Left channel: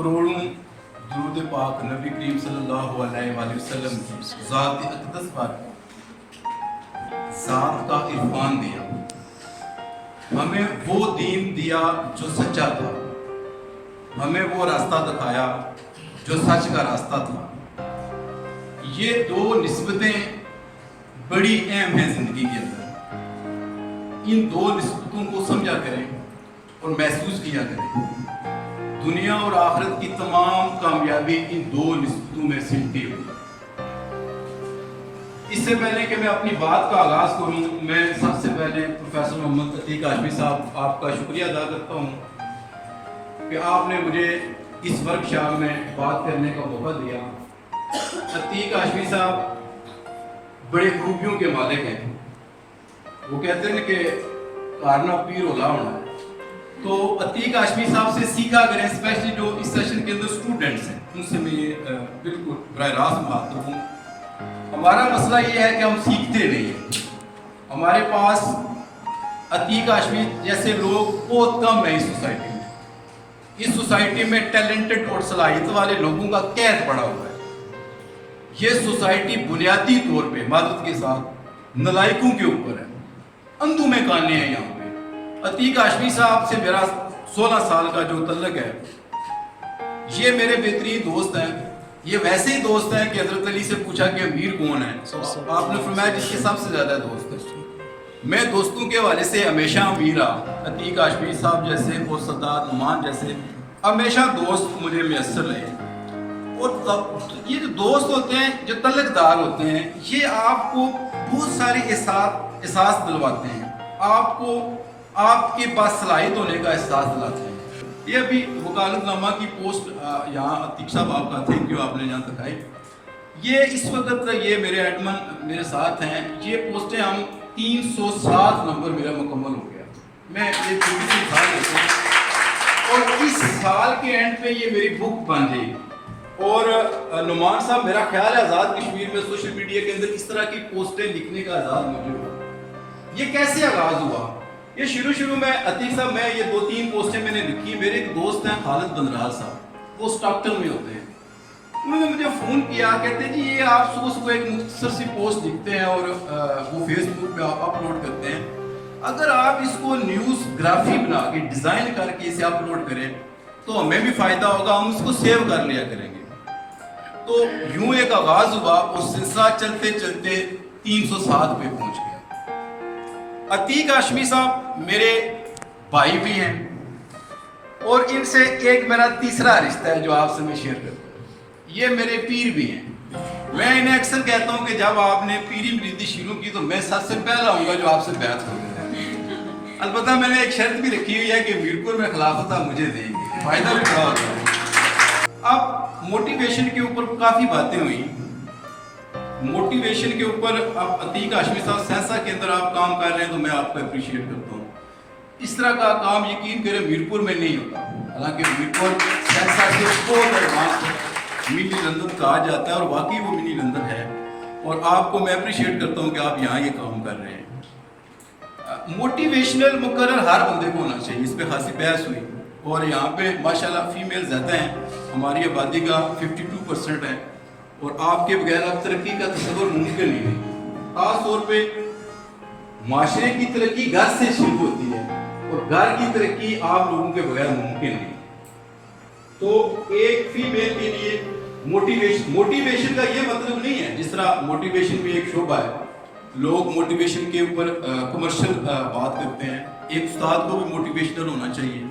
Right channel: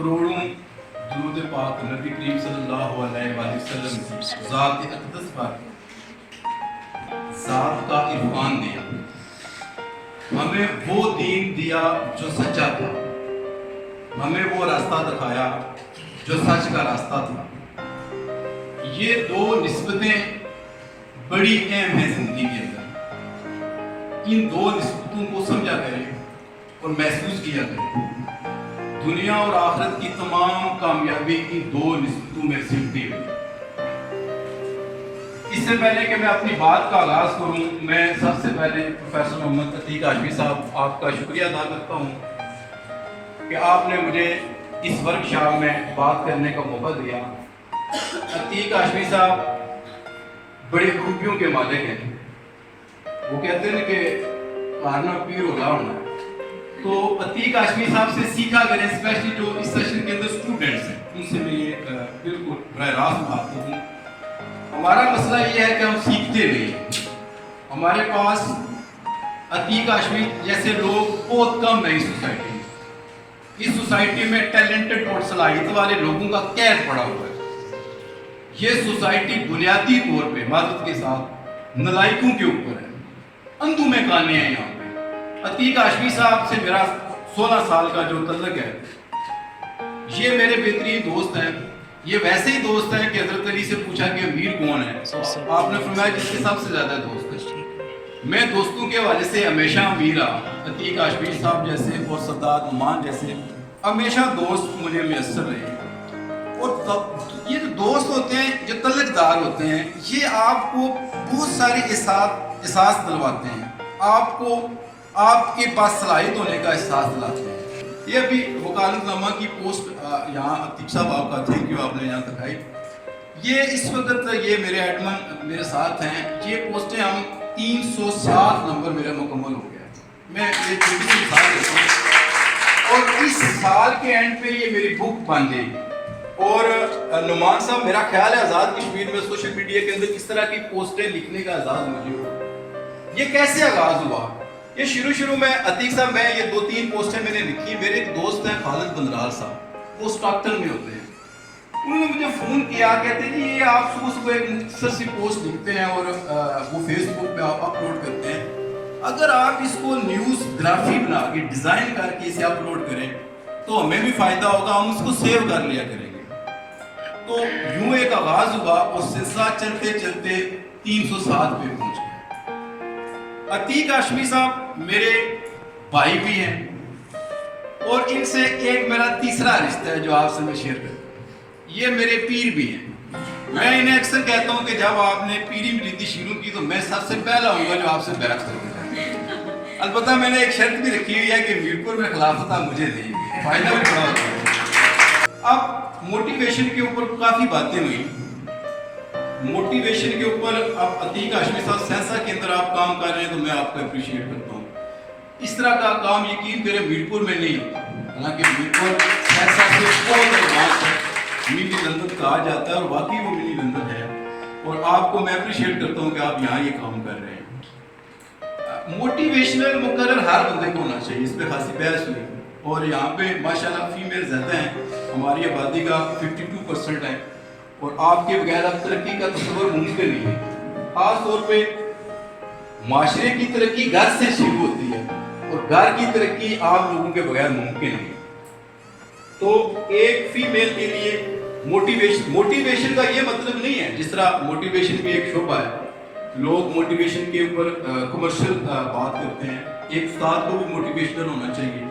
करोड़ों दुरूद पाक नबी करीम सल्लल्लाहु अलैहि वसल्लम की ज़ात अक़दस पर ज़ात का इरफान दिया, हमें वो दीन दिया जो सच्चा था, हमें वो रास्ता दिखाया जो सच का रास्ता था। ये दो निस्बतें बड़ी अहम हैं जिंदगी के अंदर। इन दो निस्बतों को समझा करें और महसूस किया करें। दुनिया और आखिरत की तमाम कामयाबी इन दो निस्बतों में सिमटी हुई। इससे पहले कि मैं अपनी बात का आगाज करूं, मैं सबसे पहले प्रोफेसर मोहम्मद अतीक हाशमी साहब आपका शुक्रिया अदा करता हूं कि आपने मुझे इस वर्कशॉप में बात करने का मौका दिया। अतीक हाशमी साहब बड़े खूबियों के मालिक हैं। वो कहते हैं कि मारना पीर होला होना है, तो अतीक हाशमी साहब से सीखा करें, स्पेशली जो इस सेशन के अंदर स्टूडेंट्स हैं उनसे मैं ये बिल्कुल बराह रास्त बात करूँ। हमारा मसला ये है कि हम सीखते नहीं। हमारे पास अतीक हाशमी जैसे लोग बहुत कम है इस सोसाइटी में। इस सोसाइटी में टैलेंटेड और सलाहियत वाले लोगों का कैद पड़ा हुआ है। ये सोसाइटी बुनियादी तौर पे मादत के साथ नलायकों के ऊपर है, अंधों में काने हैं यहाँ पे। अतीक हाशमी साहब से मेरा 16 साल का जो तल्लक है, ये मेरे बेहतरीन दोस्त हैं। ये वैसे ही दोस्त हैं कि हजरत अली से पूछा कि अमीर कौन है, तो आपने फरमाया जिसके सबसे ज्यादा दोस्त है। मैं दोस्तों के हवाले से हमेशा अमीर रहा। अतीक हाशमी साहब जैसे और सद्दात नुमान जैसे हमेशा दोस्त मुझे मैसर रहे। और ये जो दोस्त होते हैं, जो तल्लकदार होते हैं, ये आपको बहुत सारे एहसास दिलवाते हैं, आपको आपके पास सलाहियत होने का एहसास दिलाते हैं। ये अभी वकालतनामा की पोस्ट यहाँ अतीक साहब आपका थैंक यू आपने यहाँ दिखाई। ये इस वक्त ये मेरे एडमन मेरे साथ हैं। ये पोस्टें हम 307 नंबर मेरा मुकम्मल हो गया। मैं ये मिसाल देता हूँ और इस साल के एंड पे ये मेरी बुक बन जाएगी। और नुमान साहब, मेरा ख्याल है आज़ाद कश्मीर में सोशल मीडिया के अंदर इस तरह की पोस्टें लिखने का आज़ाद मुझे हुआ। ये कैसे आगाज हुआ? ये शुरू में अतीक साहब मैं ये 2-3 पोस्टें मैंने लिखी। मेरे एक दोस्त हैं खालिद बंदराल साहब, वो स्टॉकटन में होते हैं। उन्होंने मुझे फ़ोन किया, कहते कि ये आप सुबह एक मुख्तसर सी पोस्ट लिखते हैं और वो फेसबुक पे आप अपलोड करते हैं। अगर आप इसको न्यूज़ ग्राफी बना के डिज़ाइन करके इसे अपलोड करें तो हमें भी फ़ायदा होगा, हम उसको सेव कर लिया करेंगे। तो यूं एक आगाज हुआ और सिलसिला चलते चलते 307 पे पहुंच गया। अतीक हाशमी साहब मेरे भाई भी हैं और इनसे एक मेरा तीसरा रिश्ता है जो आपसे मैं शेयर करता हूँ। ये मेरे पीर भी हैं। मैं इन्हें अक्सर कहता हूँ कि जब आपने पीरी मुरीदी शुरू की तो मैं सबसे पहला होऊंगा जो आपसे बैत करूँगा। अलबत्ता मैंने एक शर्त भी रखी हुई है कि मीरपुर में खिलाफत आप मुझे देंगे, फायदा भी बड़ा होता है। अब मोटिवेशन के ऊपर काफ़ी बातें हुई। मोटिवेशन के ऊपर अब अतीक हाशमी साहब सेंसा के अंदर आप काम कर रहे हैं तो मैं आपको अप्रिशिएट करता हूँ। इस तरह का काम यकीन करें मीरपुर में नहीं होता। हालांकि मीरपुर सेंसा से बहुत एडवांस है, मिनी लंदन कहा जाता है और वाकई वो मिनी लंदन है। और आपको मैं अप्रिशिएट करता हूँ कि आप यहाँ ये काम कर रहे हैं। मोटिवेशनल मुकर्रर हर बंदे को होना चाहिए, इस पर खासी बहस हुई। और यहाँ पे माशाल्लाह फीमेल ज़्यादा हैं, हमारी आबादी का 52% है और आपके बगैर अब तरक्की का तस्वर मुमकिन नहीं है। खास तौर पे माशरे की तरक्की घर से शुरू होती है और घर की तरक्की आप लोगों के बगैर मुमकिन नहीं। तो एक फीमेल के लिए मोटिवेशन का ये मतलब नहीं है, जिस तरह मोटिवेशन भी एक शोबा है, लोग मोटिवेशन के ऊपर कमर्शियल बात करते हैं। एक उस्ताद को भी मोटिवेशनल होना चाहिए।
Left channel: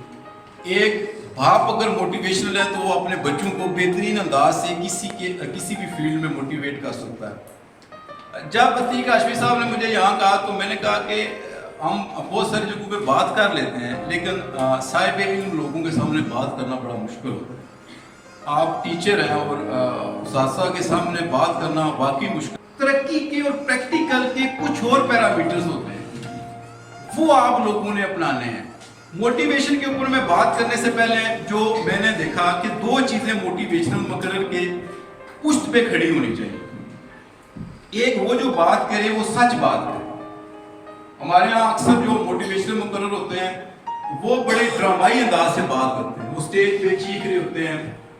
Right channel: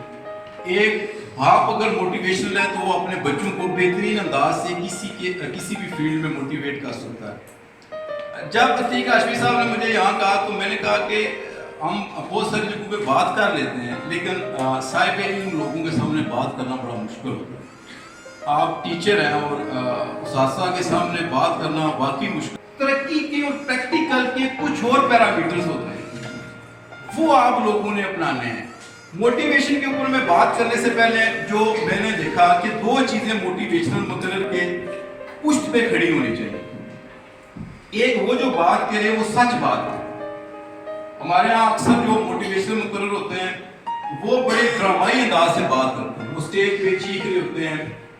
एक बाप अगर मोटिवेशनल है तो वो अपने बच्चों को बेहतरीन अंदाज से किसी भी फील्ड में मोटिवेट कर सकता है। जब अतीक हाशमी साहब ने मुझे यहाँ कहा तो मैंने कहा कि हम बहुत सारी जगहों पे बात कर लेते हैं, लेकिन साहिब इन लोगों के सामने बात करना बड़ा मुश्किल होता है। आप टीचर हैं और उस्ताद के सामने बात करना वाकई मुश्किल। तरक्की के और प्रैक्टिकल के कुछ और पैरामीटर्स होते हैं, वो आप लोगों ने अपनाने हैं। मोटिवेशन के ऊपर मैं बात करने से पहले जो मैंने देखा कि 2 चीजें मोटिवेशनल मुकर्रर के पुष्ट पे खड़ी होनी चाहिए। एक वो जो बात करे वो सच बात है। हमारे यहाँ अक्सर जो मोटिवेशनल मुकर्रर होते हैं وہ بڑے ڈرامائی انداز سے بات کرتے ہیں، وہ اسٹیج پہ چیخ رہے ہوتے ہیں،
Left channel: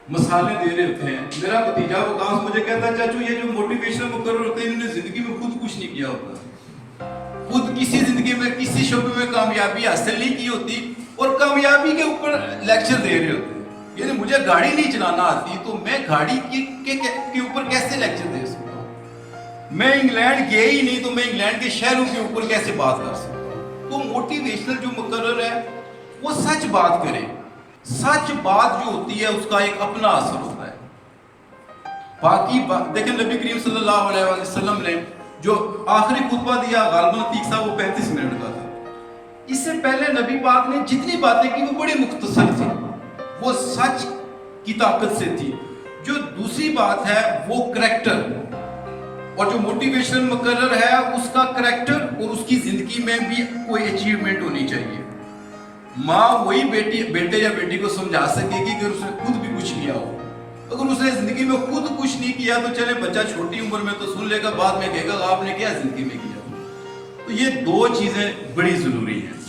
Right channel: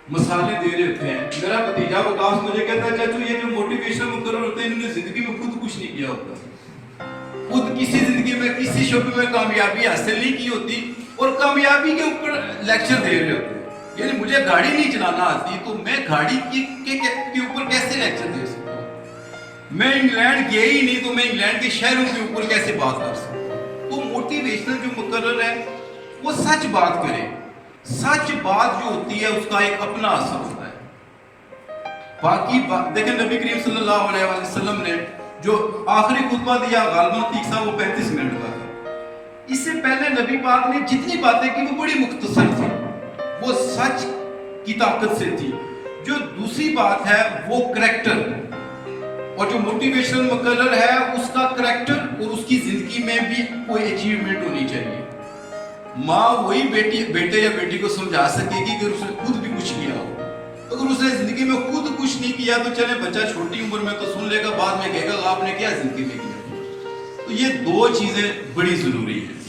مثالیں دے رہے ہوتے ہیں. میرا بھتیجا وکاس مجھے کہتا ہے چاچو یہ جو موٹیویشنل مقرر ہوتے ہیں انہوں نے زندگی میں خود کچھ نہیں کیا ہوتا، خود کسی زندگی میں کسی شعبے میں کامیابی حاصل نہیں کی ہوتی اور کامیابی کے اوپر لیکچر دے رہے ہوتے ہیں. یعنی مجھے گاڑی نہیں چلانا آتی تو میں گاڑی کے اوپر کیسے لیکچر دے سکتا ہوں؟ میں انگلینڈ گیا ہی نہیں تو میں انگلینڈ کے شہروں کے اوپر کیسے بات کر سکتا ہوں؟ تو موٹیویشنل جو مقرر ہے وہ سچ بات کرے. سچ بات جو ہوتی ہے اس کا ایک اپنا اثر ہوتا ہے. باقی دیکھیں نبی کریم صلی اللہ علیہ وسلم نے جو آخری خطبہ دیا غالباً تیسرا وہ 35 منٹ کا تھا. اس سے پہلے نبی پاک نے جتنی باتیں کی وہ بڑی مختصر تھی، وہ سچ کی طاقت سے تھی. جو دوسری بات ہے وہ کریکٹر، اور جو موٹیویشن مقرر ہے اس کا کریکٹر اور اس کی زندگی میں بھی کوئی اچیومنٹ ہونی چاہیے. ماں وہی بیٹے یا بیٹی کو سمجھا سکے گی کہ اس نے خود بھی کچھ کیا ہو. اگر اس نے زندگی میں خود کچھ نہیں کیا تو چلے بچہ چھوٹی عمر میں تو سن لے گا، بعد میں کہے گا آپ نے کیا زندگی میں کیا. تو یہ دو چیزیں بڑی ضروری ہیں.